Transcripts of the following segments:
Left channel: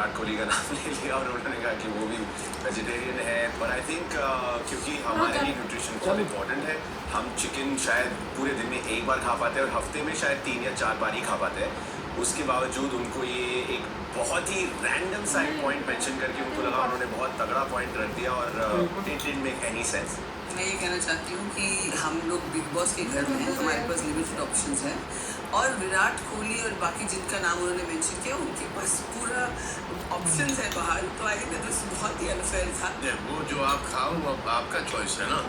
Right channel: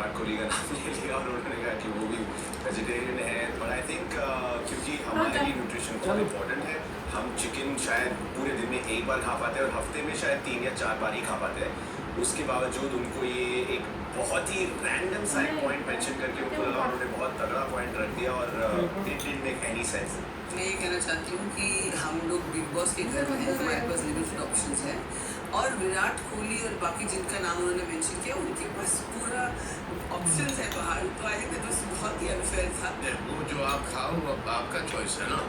विराट कोहली का नाम ले लिया और उन्होंने कहा कि वो भी वेजिटेरियन है, बट आई थिंक क्योंकि हमारे लिए न्यूट्रिशन बहुत इंपॉर्टेंट है, हम चिकन शायद पूरे दिन में एक बार खा पाते हैं और हफ्ते में शायद 3 या 4 बार ही खा पाते हैं। उसके बावजूद उनको ये एक बहुत ही रैंडम सा एक पॉइंट मेंशन करके उनको लगा उन्होंने बहुत तगड़ा पॉइंट रख दिया और it didn't make any sense. मैं ये कहना चाहती हूँ कि हम लोग बिग बॉस के घर में हैं, हमारे पास लिमिटेड ऑप्शंस हैं और विराट कोहली और बाकी जिनका नाम उन्होंने मेंशन किया उनके पास पूरा ऑप्शंस है बाहर, तो आई थिंक दैट बहुत ही अनफेयर था। वो जो आप खाओ वो आपका चॉइस है ना,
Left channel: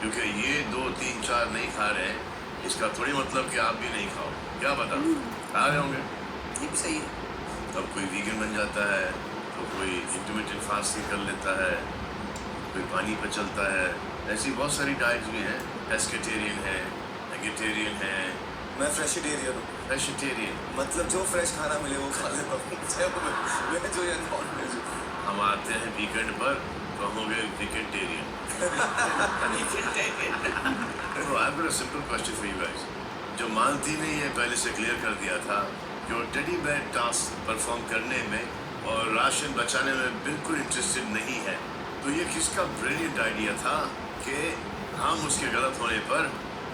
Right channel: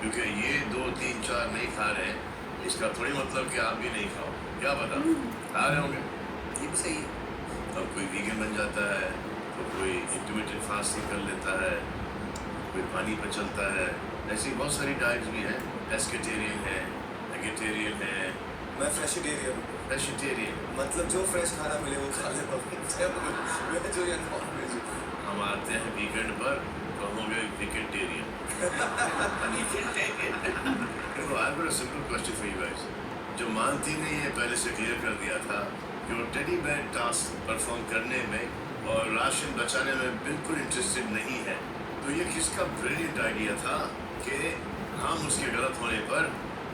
क्योंकि ये 2, 3, 4 नहीं खा रहे हैं इसका थोड़ी मतलब कि आप भी नहीं खाओ, क्या पता खा रहे होंगे। ये भी सही है। तब कोई वीगन बन जाता है, तो कोई इंटरमिटेंट फास्टिंग कर लेता है, कोई पानी पर चलता है, ऐसी बहुत सारी डाइट्स भी हैं। एस्केटेरियन है, वेजिटेरियन है। मैं फ्रेशिटेरियन हूँ। वेजिटेरियन मतलब जो फ्रेश खाना मिले वो खा लेता हूँ, मैं जो या नॉन वेज हूँ। हम आते हैं वीकेंड पर तो हम हो गए वीकेंटेरियन। तो I have a simple question for you guys. जो मालती ने ये पहले से क्लियर कर दिया था कि वो टेडी बेयर टास्क परफॉर्म करने में और राशन बचाने में बिल्कुल इंटरेस्टेड नहीं है, तो ये किसका ब्रिलियंट आइडिया था कि हम उसके गलत होने पर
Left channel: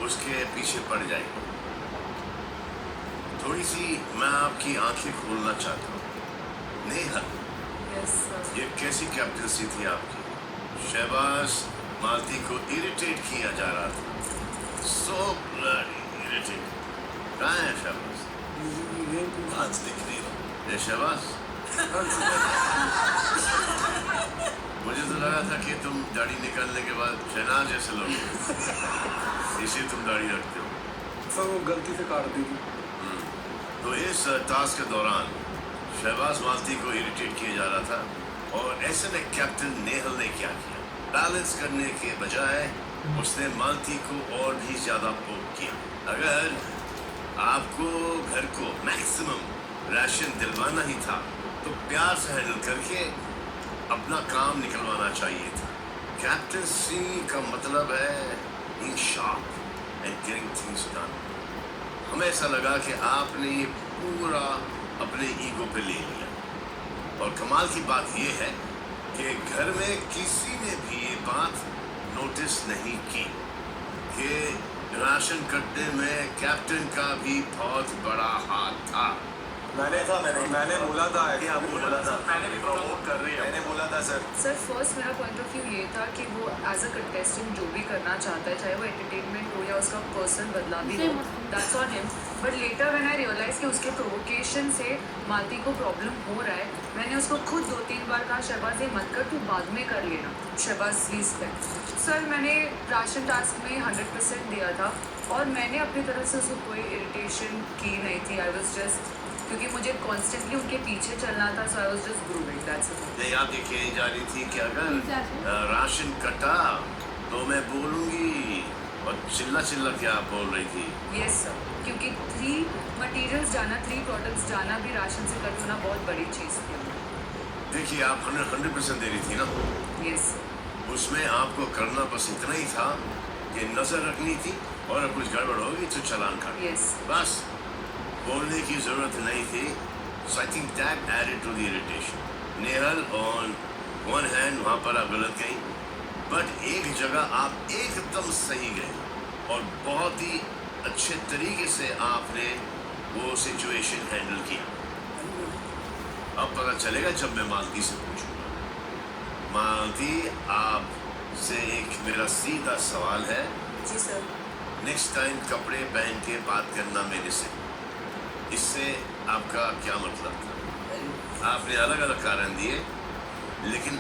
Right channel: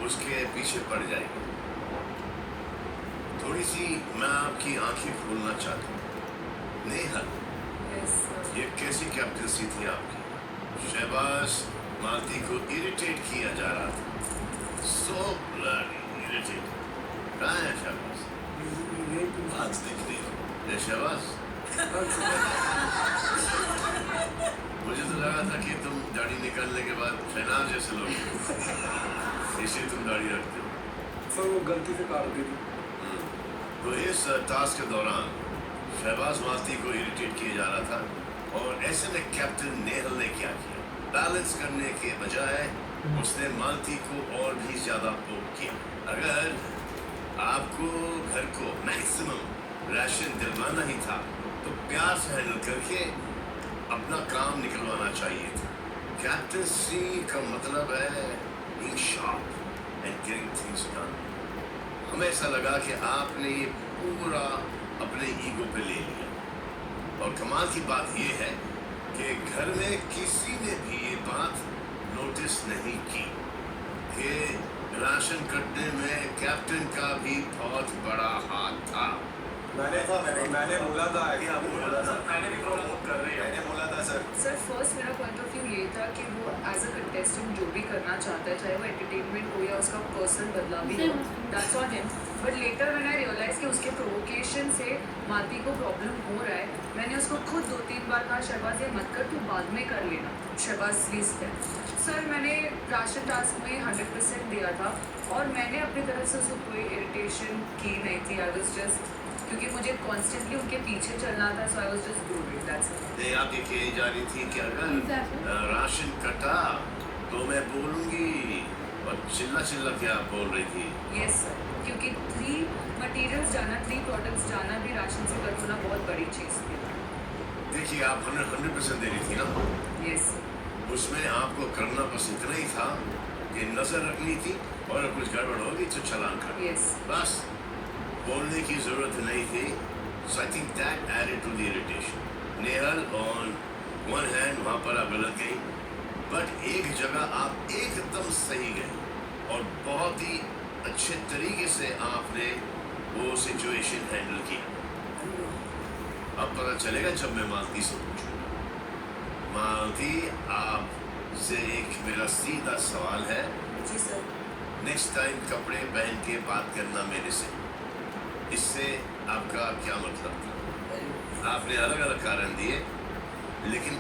उसके पीछे पड़ जाएंगे। थोड़ी सी मैं आपकी आंखें खोलना चाहता हूँ। नेहल, ये कैसी कैप्टनसी थी आपकी? शहबाज मालती को इरिटेट किया जा रहा था, सो ब्लडी इरिटेट। कहाँ है शहबाज? आज दिख नहीं शहबाज। मुझे तो लगा था कि तुम दाढ़ी निकालने के बाद शहनाज जैसे लोग इसे तुम दाढ़ी रखते हो। सर वो गलती से काट दी थी। तो इस टास्क के दौरान शहबाज मालती को इरिटेट किया जा रहा था और ऐसे में कैप्टन नेहल ने क्या किया? बैलेंस करने के बजाय उसने मालती को और भी ज्यादा पोक किया। अगर आपको घर को मैक्सिमम राशन दिलवाना ही था तो प्यार से हैंडल करके अपना काम निकलवाना चाहिए था। कैप्टनसी का मतलब है being sharp and getting things done। हमें ऐसा लगा कि आपने ये पूरा अपने ईगो पे ले लिया और कमाल की बात ये है कि घर में किसी ने भी ये बात नोटिस नहीं की कि राशन कटने में कैप्टन का भी बहुत बड़ा हाथ था। मैंने बोला था कि आपको बोला था, मैंने भी प्रमोट कर रही है, मैंने बोला था सर। सर फर्स्ट मेरा पॉइंट ऑफ व्यू ये था कि वो एज अ कंटेस्टेंट जो भी करना चाहता है, चाहे वो एंटरटेनमेंट हो या उसका पर्सनल बदलाव भी हो, that's on him. But later when I realise कि उसके प्रोवोकेशन से मालती को प्रॉब्लम हो रहा है, मैंने उसको खुद 2-3 बार कहा शहबाज ये मत कर, तू बाद में कर लेना। शहबाज प्लीज कर। सर मैंने राशन टास्क में 100% दिया था और मैंने अपनी तरफ से उसको कोई इरिटेशन की नहीं थी। आई वाज जस्ट, क्योंकि मुझे कॉन्स्टेंटली उनके पीछे चलना था, so I was just grooming, that's it. नहीं, आप ये कही जा रही थी कि अगर राशन कटा तो मैं बोलूंगी, और चिल्ला चिल्ला क्या आप बोल रही थी? यस सर, क्योंकि 3 मटेरियल्स जाना, 3 प्रोडक्ट्स जाना भी राशन से कर होना बहुत बड़ी चीज़ थी। देखिए आप 100% दे रही थी ना, यस उसमें आपको करना बस इतना ही था कि नजर रखनी थी और अगर कुछ गड़बड़ होगी तो चालान कर, यस बस बोलने की जरूरत नहीं थी। So I think that added to the irritation. Nehal on one hand वहाँ पर आप गलत गई, बट एक जगह आप एकदम सही गए और बहुत ही अच्छे तरीके से आपने वो सिचुएशन हैंडल की। अब पता चलेगा जब मैं मालती से पूछूं। मालती, आपसे एक मेरा सीधा सवाल है। जी सर। नेक्स्ट टाइम कपड़े पहन के बात करना मेरे से, इससे आपका क्या मतलब था? आपने अलग अलग कारण दिए, लेकिन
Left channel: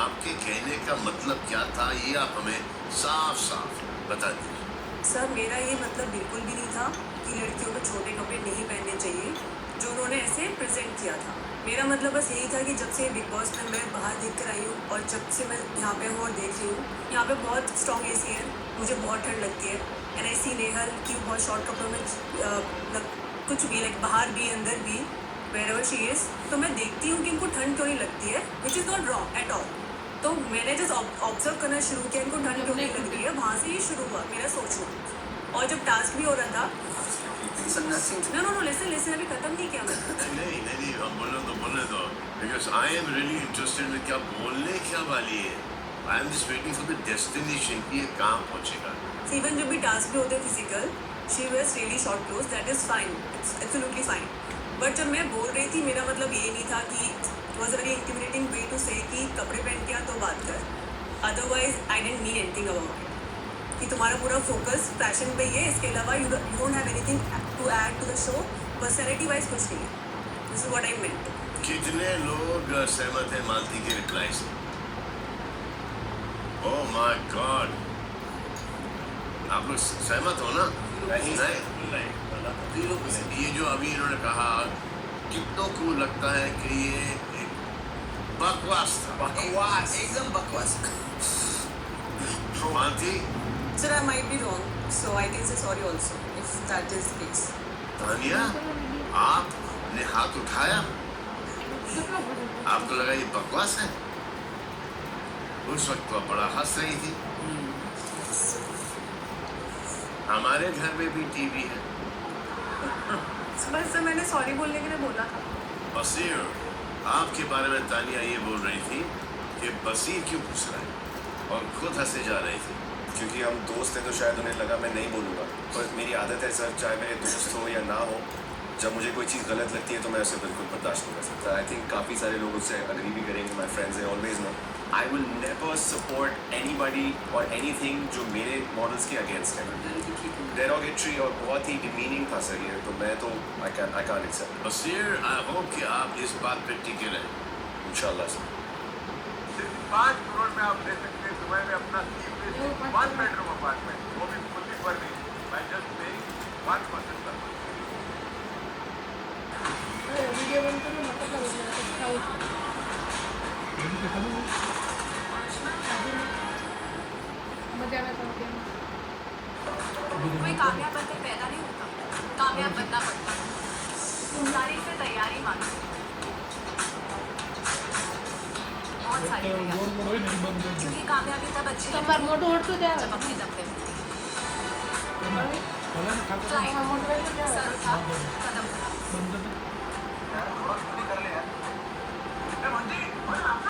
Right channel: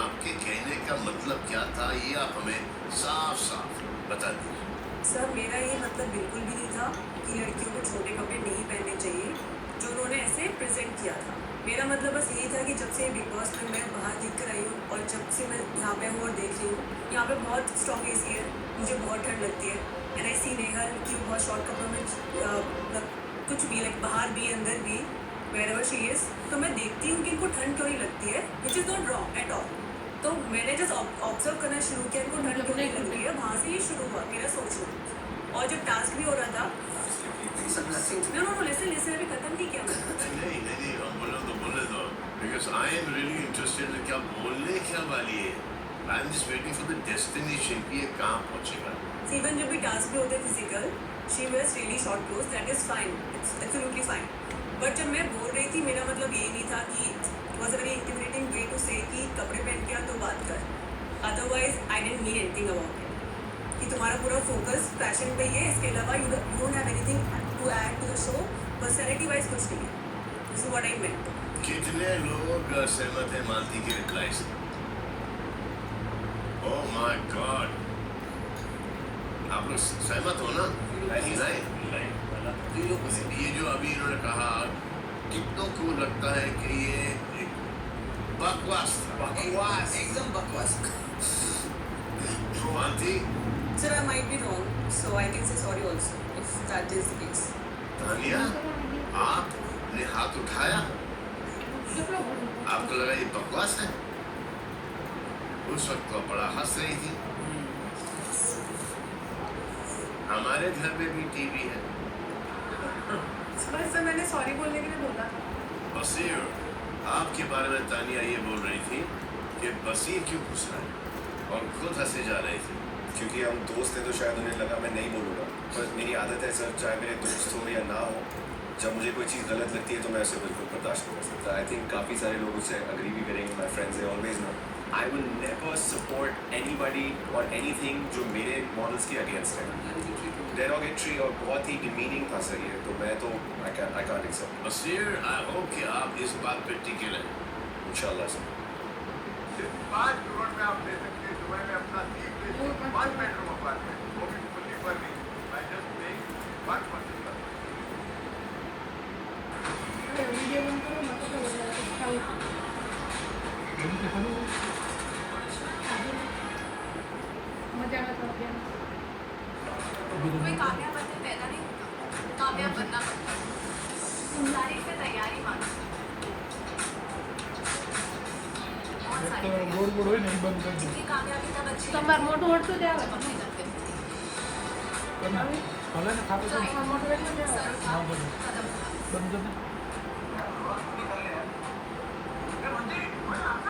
आपके कहने का मतलब क्या था ये आप हमें साफ साफ बता दीजिए। सर मेरा ये मतलब बिल्कुल भी नहीं था कि लड़कियों को छोटे कपड़े नहीं पहनने चाहिए, जो उन्होंने ऐसे प्रेजेंट किया था। मेरा मतलब बस यही था कि जब से बिग बॉस में मैं बाहर देख कर आई हूँ और जब से मैं यहाँ पे हूँ और देख रही हूँ, यहाँ पे बहुत स्ट्रॉन्ग एसी है, मुझे बहुत ठंड लगती है। एंड आई सी नेहल की बहुत शॉर्ट कपड़ों में कुछ भी लाइक बाहर भी अंदर भी वेयर एवर शी इज़, तो मैं देखती हूँ कि इनको ठंड क्यों नहीं लगती है, which is not wrong at all. तो मैंने जस्ट ऑब्जर्व करना शुरू किया इनको ठंड क्यों नहीं लग रही है, वहाँ से ये शुरू हुआ मेरा सोचना। और जब टास्क भी हो रहा था, no no no listen listen, अभी खत्म नहीं किया मैं। नहीं, हम बोलो तो बोलने दो। Because I am really interested in क्या बोलने क्या वाली है. I am just waiting for the destination कि ये कहाँ पहुँचेगा. इवन जब भी टास्क पे होते physical she wears really short cloth that is fine, it's absolutely fine. But जब मैं बोल रही थी मेरा मतलब ये नहीं था कि it was a very intimidating way to say कि कपड़े पहन के आ तो बात कर. Otherwise I didn't mean anything about it कि तुम्हारा पूरा फोकस फैशन पे ही है, इसके अलावा you don't have anything to add to the show. Personality wise कुछ नहीं है. This is what I meant. कितने लोग सहमत हैं मालती के रिप्लाई से? ओह माय गॉड, आप लोग सहमत हो ना? नहीं. ये जो अभी इन्होंने कहा, कितनों को लगता है कि ये एक बकवास था? बकवास, एकदम बकवास. Malti, sir I might be wrong so I can say sorry also if that is the case. Tania, आपने हाथ उठाया? आपको लगा ये बकवास है? उस वक्त तो बड़ा हंस रही थी. हमारे घर में भी टीवी है. बस मैंने सॉरी बोलने के लिए बोला. बसीर, आपके बारे में तानिया ये बोल रही थी कि बसीर क्यों पूछ रहा है और खुद हंसे जा रही थी. क्योंकि हम दोस्त हैं तो शायद उन्हें लगा मैं नहीं बोलूँगा. पर मेरी आदत है सर, चाहे मेरे दोस्त हो या ना हो, जब मुझे कोई चीज़ गलत लगती है तो मैं उसे बिल्कुल बर्दाश्त नहीं कर सकता. आई थिंक काफ़ी सारे लोग उससे अग्री भी करेंगे. माई फ्रेंड्स है always no I will never support anybody और एनीथिंग जो मेरे मॉडल्स के अगेंस्ट है. डेरोगेटरी और बहुत ही डिमीनिंग था सर ये, तो मैं तो I can't accept. Basir, I hope कि आप इस बात पे टिके रहें. इंशाल्लाह सर. 5 करोड़ में आप ले सकते हैं. दुबई में अपना 1 बेडरूम अपार्टमेंट, वो भी फुल्ली फर्निश्ड. मैं जस्ट पेइंग 1% का. वीडियो बंद करो मतलब मजा में तो कोई कामयाब बनने पैदा नहीं होता, कामयाब बनना पड़ता है. तारीफ पे तैयारी मांगो. बहुत सारी क्योंकि कामयाबी तब अच्छी તમાર મોટું ઓટલું जब દેવા अपनी दम पे ભલે ને ખાતો सर उठा कदम બંધ